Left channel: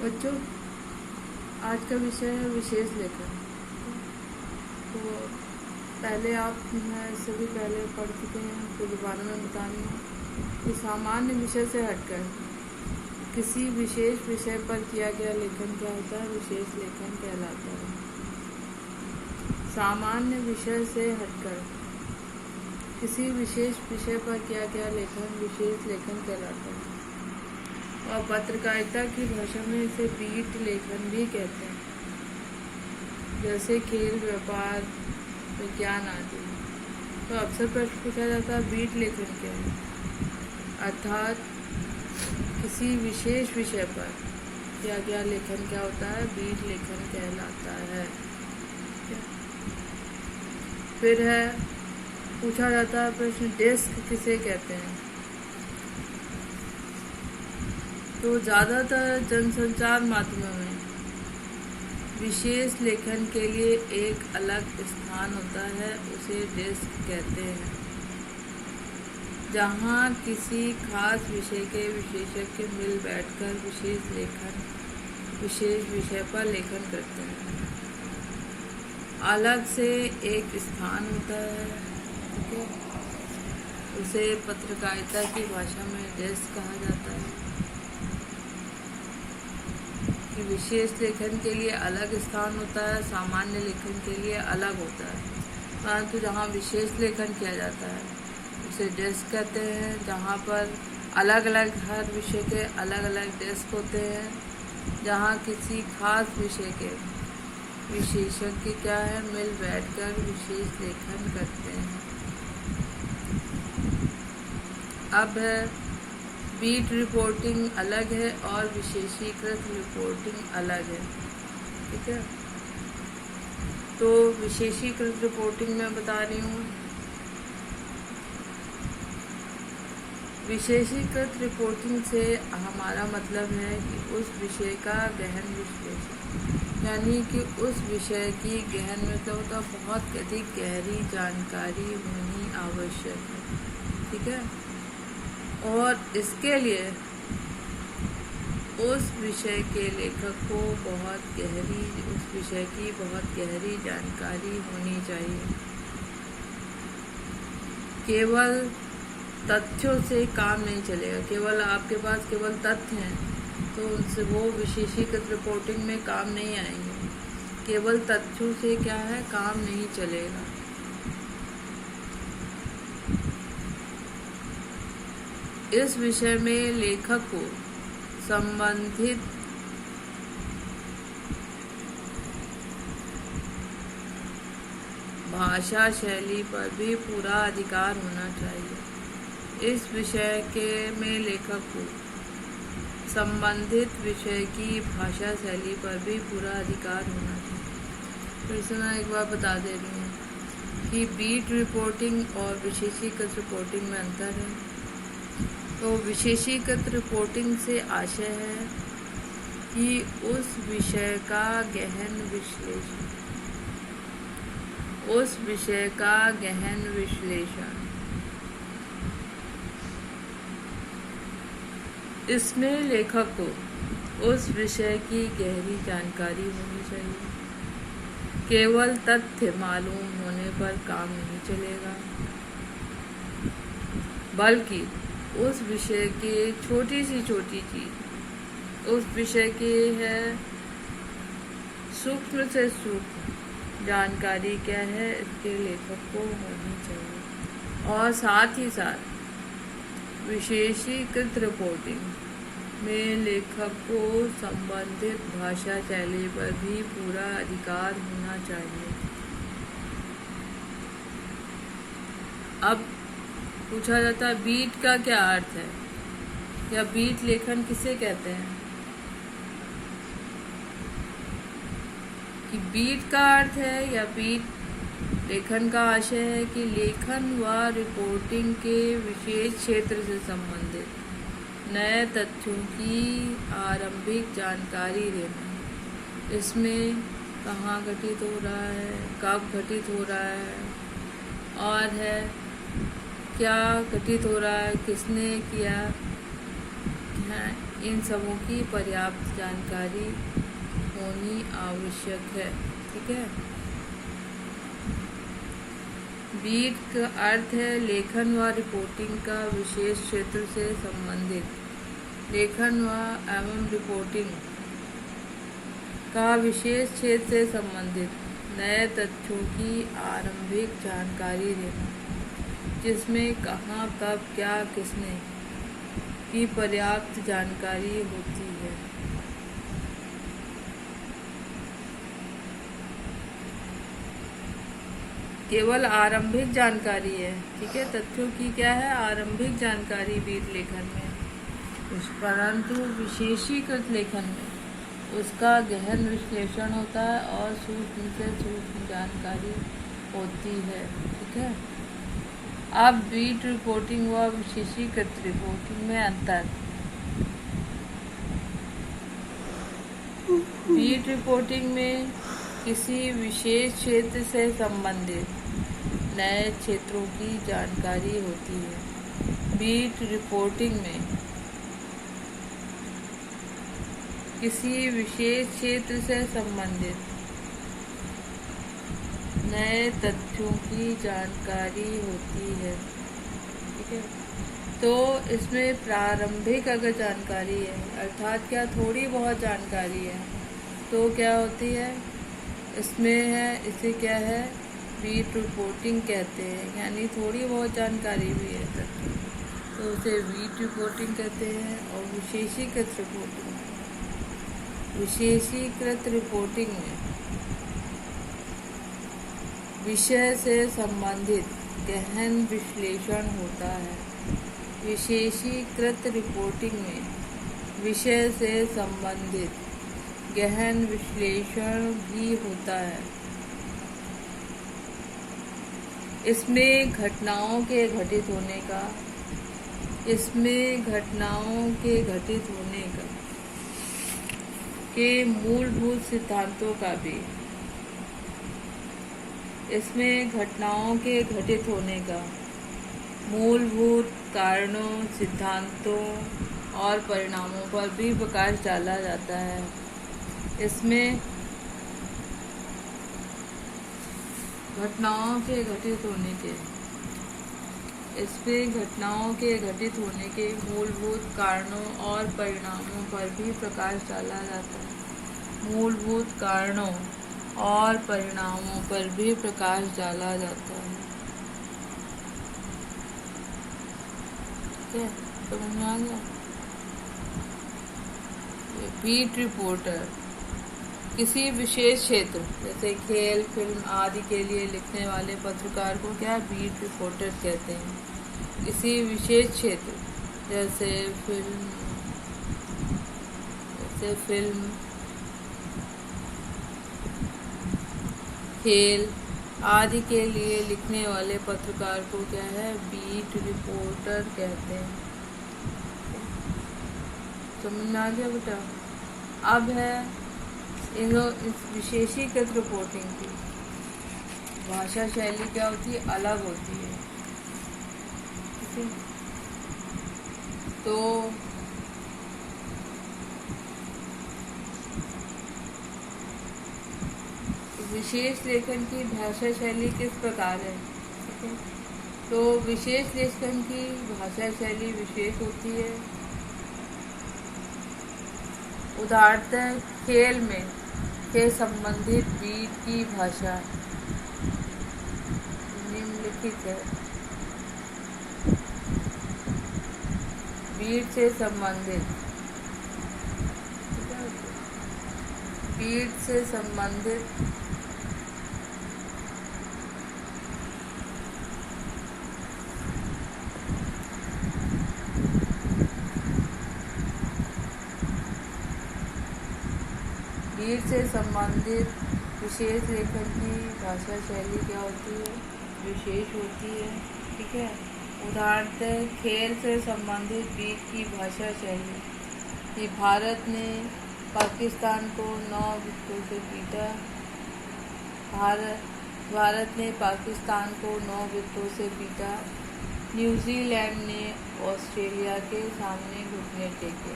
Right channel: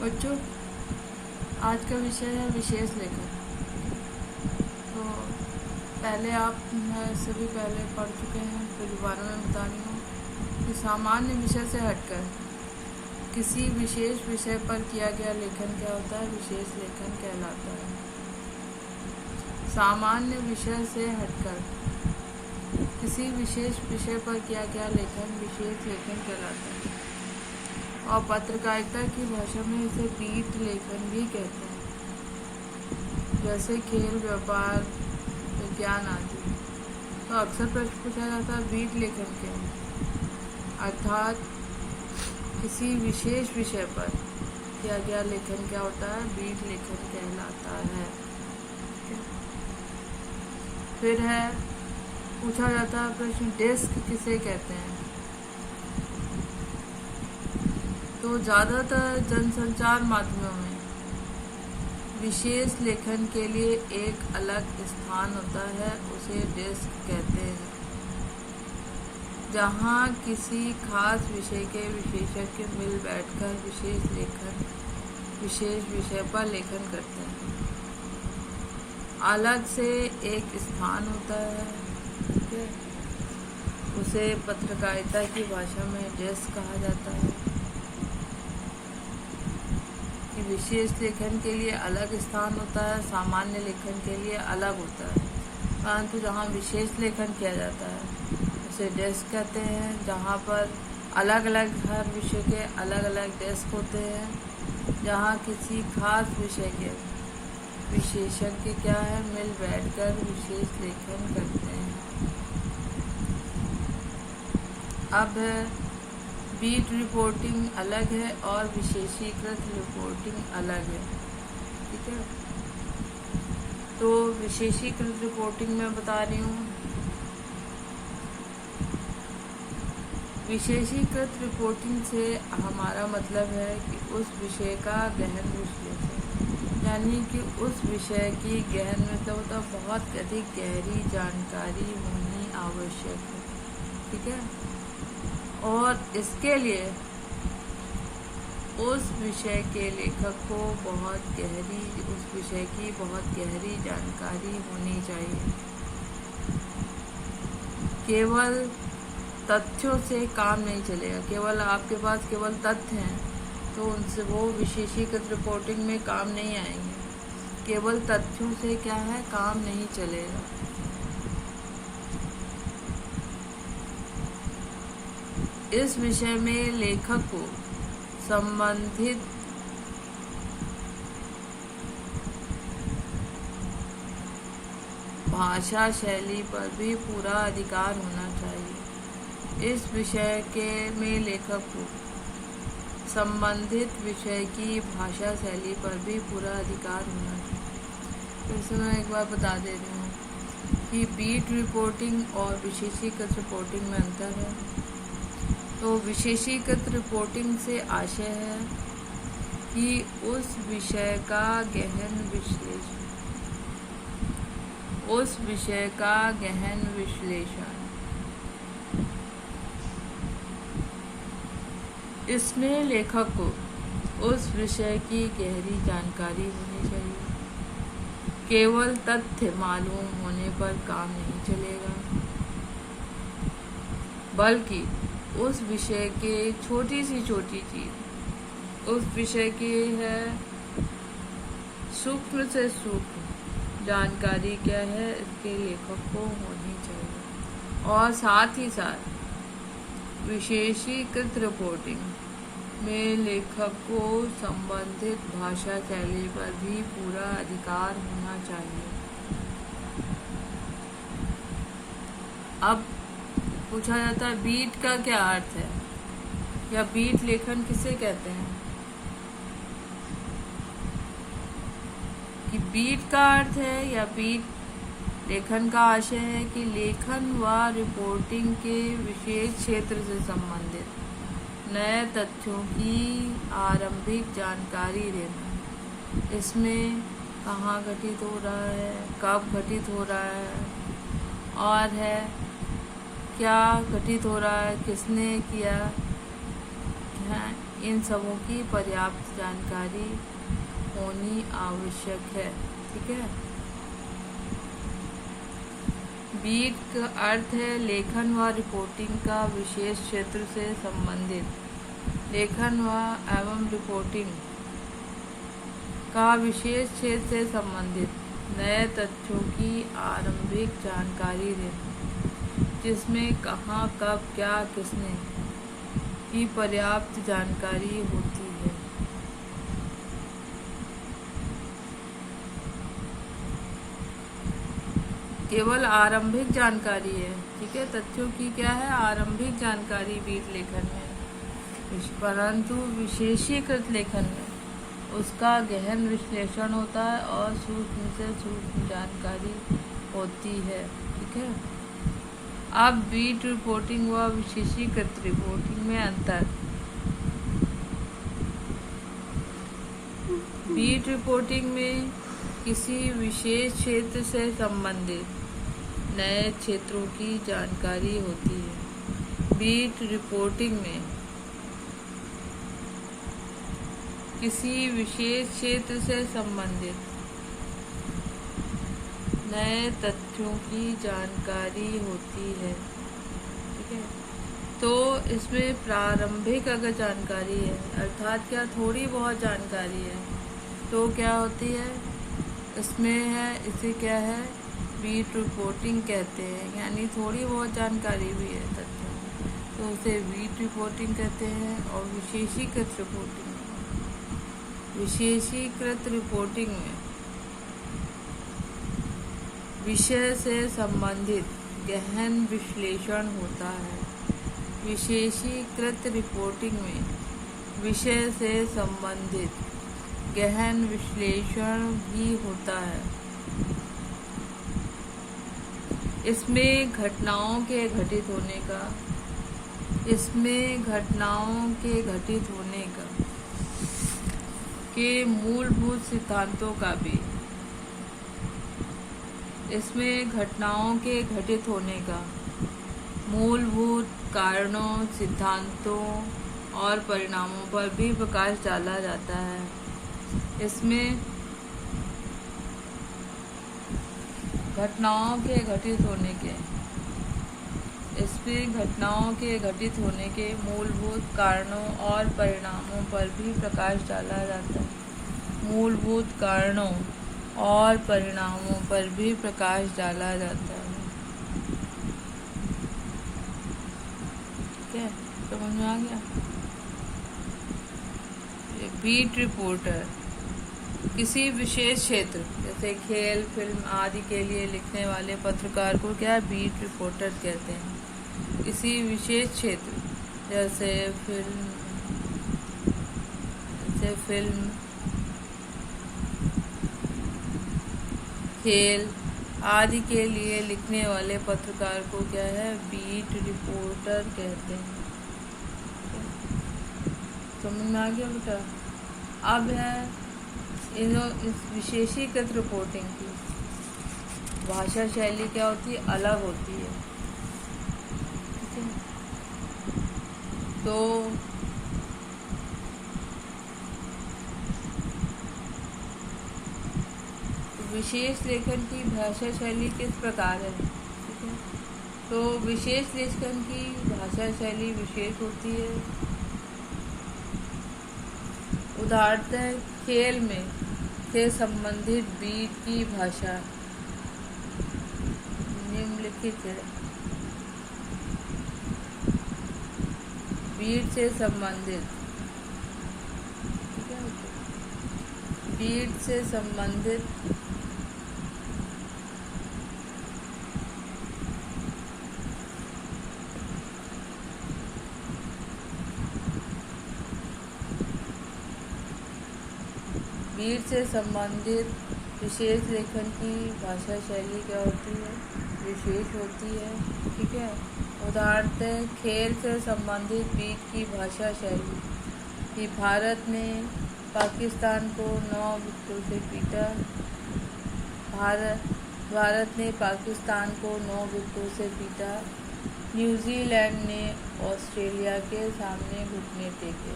बच्चों, आज का विषय है विशेष लेखन। तो पहले आप सभी पहले पढ़ चुके हैं, कुछ बारे में बता रही हूँ कि सामान्य विषय से हटकर किसी विशेष विषय पर किया गया लेखन क्या होता है? विशेष लेखन कहलाता है। सामान्य विषय से हटकर किसी विशेष विषय पर किया गया लेखन विशेष लेखन कहलाता है। और पत्रकारिता की भाषा में इसे बीट लेखन भी कहते हैं, जैसे खेल, व्यापार, विज्ञान आदि। तो अक्सर प्रश्न पूछा जाता है बीट लेखन क्या है, अर्थात किसी विशेष विषय पर किया गया लेखन क्या होता है? बीट लेखन कहलाता है। फिर है पूछा जाता है प्रश्न, डेस्क किसे कहते हैं? तो ज़्यादातर जनसंचार माध्यमों में विशेष लेखन के लिए एक अलग स्थान होता है, उसे डेस्क कहते हैं, जहाँ किसी खास विषय के विशेषज्ञ मिल बैठकर विशेष विषय पर लेखन करते हैं। अलग से एक स्थान होता है, ठीक है, उसे पत्रकारिता की भाषा में डेस्क कहा जाता है। कि विशेष लेखन के लिए अलग स्थान होता है, सामान्य लेखन के लिए अलग होता है, परंतु जहाँ विशेष लेखन किया जाता है उसे डेस्क कहते हैं, जहाँ पर अलग अलग हर विषय के अलग अलग डेस्क होते हैं, जहाँ किसी खास विषय के विशेषज्ञ क्या है मिल बैठकर विशेष लेखन करते हैं। अब बीट रिपोर्टिंग अलग है और विशेषीकृत रिपोर्टिंग अलग है, ठीक है। तो विशेषीकृत रिपोर्टिंग में बता रही हूँ। विशेषीकृत रिपोर्टिंग से हमारा मतलब है कि उस विषय का गहन विश्लेषण, यानी कि उस विषय की गहन मतलब तो बहुत अधिक गहरी जानकारी होनी आवश्यक है, ठीक है। और इसके लिए उस विषय के लेखक को उस विषय की बहुत गहरी जानकारी होनी चाहिए। केवल तथ्यों से काम नहीं चलेगा, केवल आपके पास केवल तथ्य हैं तो उनसे वो विशेषीकृत रिपोर्टिंग में काम नहीं आएंगे। केवल तथ्यों से क्या है, काम नहीं चलेगा। इस विषय में लेखक को संबंधित भाषा शैली पर भी पूरा अधिकार होना चाहिए। इस विषय में लेखक को संबंधित विषय की भाषा शैली पर भी पूरा अधिकार होना चाहिए। फिर से मैं एक बार बता दे रही हूँ कि बीट रिपोर्टिंग और विशेषीकृत रिपोर्टिंग में अंतर है। तो विशेषीकृत रिपोर्टिंग से आशय है कि उस विषय का गहन विश्लेषण, इसमें लेखक को उस विषय की गहरी जानकारी होनी चाहिए। केवल तथ्य मालूम होने पर काम नहीं चलेगा, बल्कि उस विषय के छोटी सी चीज, उस विषय की है सूक्ष्म से सूक्ष्म जानकारी क्या है, इसके लेखक को होनी चाहिए। और साथ ही साथ विशेषीकृत रिपोर्टिंग में लेखक को संबंधित भाषा शैली पर भी पूरा अधिकार होना चाहिए। अब पूछा जाता है बीट का क्या अर्थ है, या बीट लेखन किसे कहते हैं? कि बीट का अर्थ है या बीट लेखन का आशय है कि लेखन व रिपोर्टिंग के विशेष क्षेत्र से संबंधित नए तथ्यों की आरंभिक जानकारी देना। इसमें कहाँ घटित हो रहा है, कब घटित हो रहा है, और है क्या घटित हो रहा है, किसने किया है, इन सबों की पर्याप्त जानकारी होनी आवश्यक है। ठीक है। बीट का अर्थ है लेखन व रिपोर्टिंग का विशेष क्षेत्र से संबंधित। लेखन व एवं रिपोर्टिंग का विशेष क्षेत्र से संबंधित नए तथ्यों की आरंभिक जानकारी देना, जिसमें कहाँ, कब, क्या, किसने की पर्याप्त जानकारी होती है। केवल आरंभिक जानकारी है। ठीक है। तथ्यों की क्या है? आरंभिक जानकारी बीट लेखन में, परंतु विशेषीकृत लेखन में उसका गहन विश्लेषण होता है और सूक्ष्म से सूक्ष्म जानकारी होती है। ठीक है। अब बीट रिपोर्टिंग व विशेषीकृत रिपोर्टिंग में अंतर। बीट रिपोर्टिंग में किसी विशेष क्षेत्र से संबंधित नए क्षेत्रों की जानकारी होती है। बीट रिपोर्टिंग में किसी विशेष क्षेत्र से संबंधित नए तथ्यों की जानकारी होती है। ठीक है। तो इसमें प्रारंभिक अगर जानकारी है, अर्थात क्या थोड़ी बहुत जानकारी है, तो क्या होती है इसमें है, इसे क्या है बीट रिपोर्टिंग कहते हैं। यानी थोड़ी बहुत जानकारी भी है तथ्य, तो उसे बीट रिपोर्टिंग कहते हैं। और विशेषीकृत रिपोर्टिंग, विशेषीकृत रिपोर्टिंग में विषय से संबंधित गहन विश्लेषण होता है। विशेषीकृत रिपोर्टिंग में विषय से संबंधित गहन विश्लेषण भी होता है। इसमें घटनाओं के घटित होने का, के मूलभूत सिद्धांतों का भी, इसमें घटनाओं के घटित होने का, मूलभूत कारणों, सिद्धांतों और परिणामों पर भी प्रकाश डाला जाता है। इसमें घटनाओं के घटित होने के मूलभूत कारणों और परिणामों पर भी प्रकाश डाला जाता है। मूलभूत कारणों और परिणामों पर भी प्रकाश डाला जाता है। ठीक है। समझ में आ गया? बीट रिपोर्टर किसी विशेष क्षेत्र जैसे खेल, फिल्म आदि के लिए लिखने वाले पत्रकार को क्या बीट रिपोर्टर कहते हैं। किसी विशेष क्षेत्र जैसे फिल्म, खेल आदि के लिए लिखने वाले पत्रकार को क्या है बीट रिपोर्टर कहते हैं। समझ में आ गया बेटा? अब है इस विशेषीकृत रिपोर्टिंग की भाषा शैली क्या होती है? अलग होती है। तो विशेष लेखन की भाषा शैली किस प्रकार है? तो विशेष लेखन की भाषा शैली विशेष होती है। उदाहरणतः खेल में से संबंधित बीट की भाषा निम्नलिखित है। बीट से संबंधित विशेष लेखन की भाषा शैली क्या होती है? विशेष होती है। ठीक है। उदाहरण खेल से संबंधित बीट की भाषा शैली कि भारत ने पाकिस्तान को 9 विकेटों से पीटा। भारत ने पाकिस्तान को 9 विकेटों से पीटा। न्यूजीलैंड ने ऑस्ट्रेलिया के सामने घुटने टेके।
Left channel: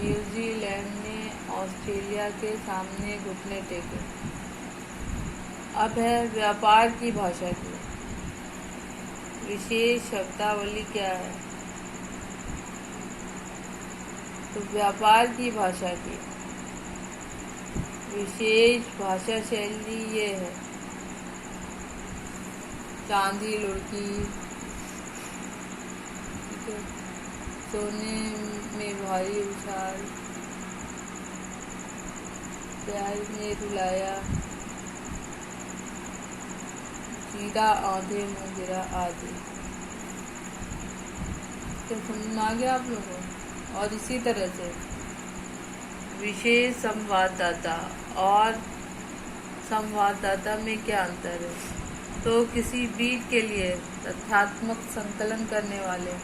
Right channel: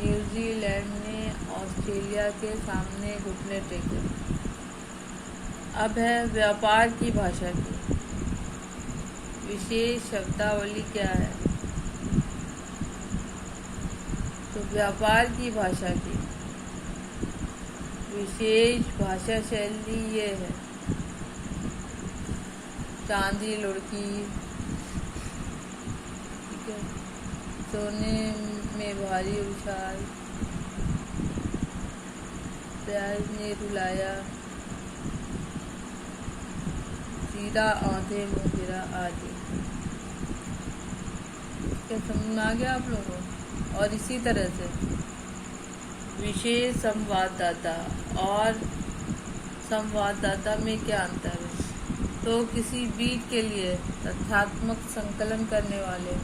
न्यूजीलैंड ने ऑस्ट्रेलिया के सामने घुटने टेके। अब है व्यापार की भाषा की विशेष शब्दावली क्या है। तो व्यापार की भाषा की विशेष भाषा शैली ये है। चांदी लुढ़की, ठीक है, सोने में भारी उछाल, प्यार ने रुलाया, सीधा आधे में गिरा आदि। क्या समझ आ गया आप लोगों को। और इसी तरह से विशेष संवाददाता और संवाददाता में क्या अंतर है। तो किसी बीट के लिए तथ्यात्मक संकलन करने वाले,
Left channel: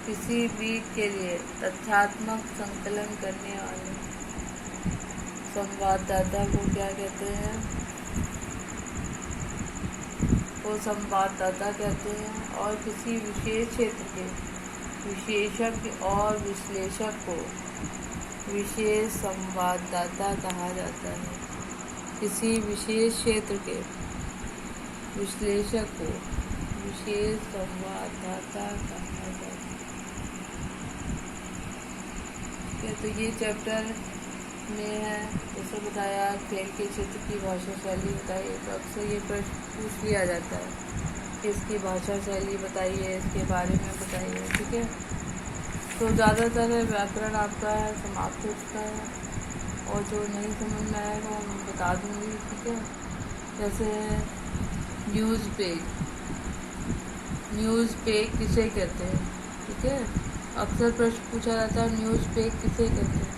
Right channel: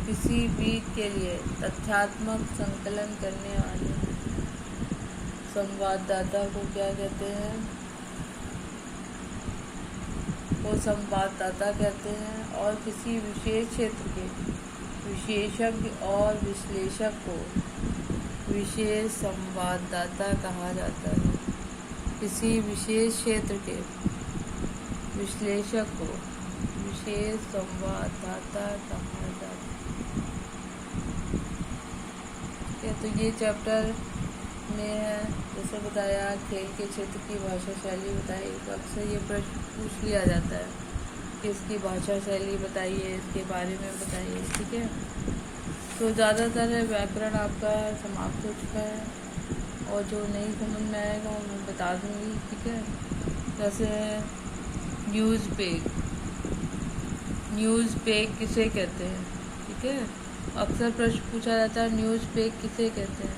किसी बीट के लिए तथ्यात्मक संकलन करने वाले संवाददाता को क्या कहते हैं। वो संवाददाता कहते हैं। और किसी विशेष क्षेत्र के विशेषज्ञ और विश्लेषक को विशेष संवाददाता कहा जाता है। किसी विशेष क्षेत्र के विश्लेषक को विशेष संवाददाता कहा जाता है। तो ये चैप्टर में है, जैसे बताया खेल के क्षेत्र की भाषा शैली बताइए। तो अक्सर ये प्रश्न पूछ लिया जाता है कि इसकी भाषा शैली बताइए, इसके बारे में बताइए, ठीक है। तो ज़्यादातर व्याकरण आपका समाप्त हो चुका है, और जो नहीं समझ में आएगा वो मैं बता दूँगी, ठीक है। जैसे न्यूज़ पेग किसे कहते हैं, ठीक है। अक्सर प्रश्न पूछा जाता है न्यूज़ पेग किसे कहते हैं।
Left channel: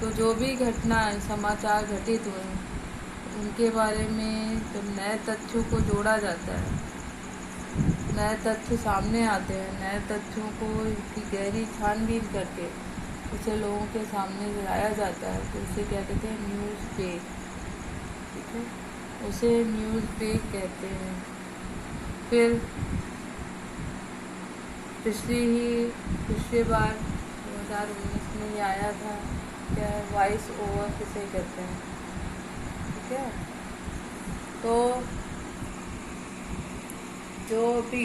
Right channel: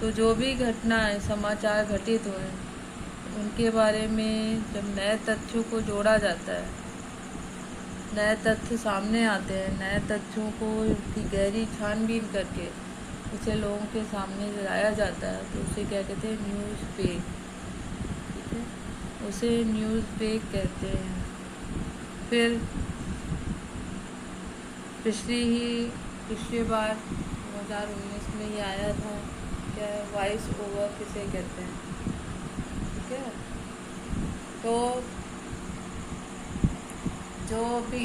तो जो भी घटनाएं समाचार घटित हुए उनके बारे में जब नए तथ्यों को जोड़ा जाता है, नए तथ्य सामने आते हैं, नए तथ्यों को की गहरी छानबीन करके उसे लोगों के सामने लाया जाता है, तो उसे क्या कहते हैं, न्यूज़ पेग, ठीक है। उसे न्यूज़ पेग कहते हैं। फिर पिछली बार 2019 में ये आया था, क्या है, वॉइस ओवर किसे कहते हैं, ठीक है। तो जो भी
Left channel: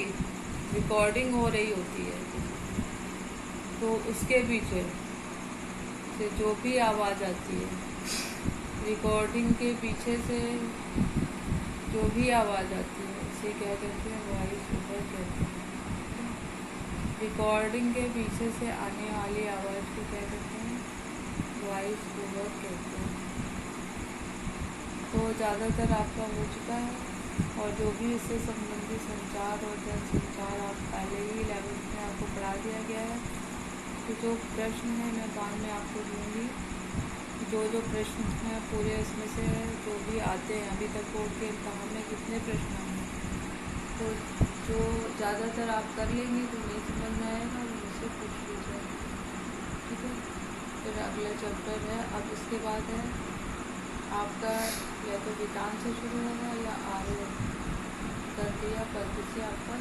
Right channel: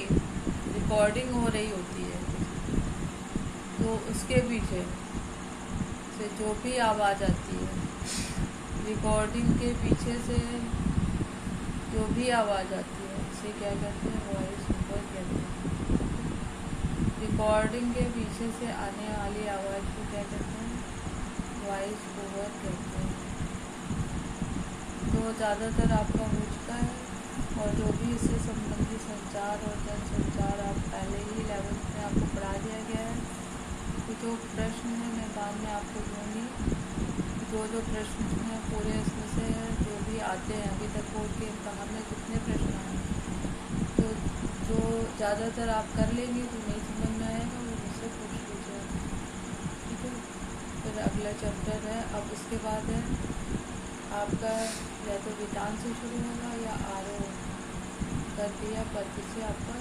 रिकॉर्डिंग हो रही होती है, तो उसके पीछे से जो भी आवाज़ आती है, रिकॉर्डिंग के पीछे से जो भी आवाज़ आती है उसे क्या कहते हैं, वॉइस ओवर कहते हैं। रिकॉर्डिंग के पीछे से आने वाली आवाज़ को क्या कहते हैं, वॉइस ओवर कहते हैं। तो ज़्यादातर आपका हो चुका है, और जो भी इससे संबंधित संचार और जनसंचार आप पहले ही 11th में आपको पढ़ा दिया गया है। तो जो प्रश्न है मैं बाद में आपको दूँगी, जो प्रश्न हैं पूरे इसमें से जो भी आते हैं अभी तक बोर्ड के इम्तहान में कितने प्रश्न हैं, तो जो ज़्यादातर आप कर लेंगे तो नहीं समझ में आएगा वो मुझसे पूछ लीजिए, ठीक है। फिर अगला चैप्टर है, अब उसके बाद है आपका या तो विधान से शुरू होगा या आरोह करके या पद से आपका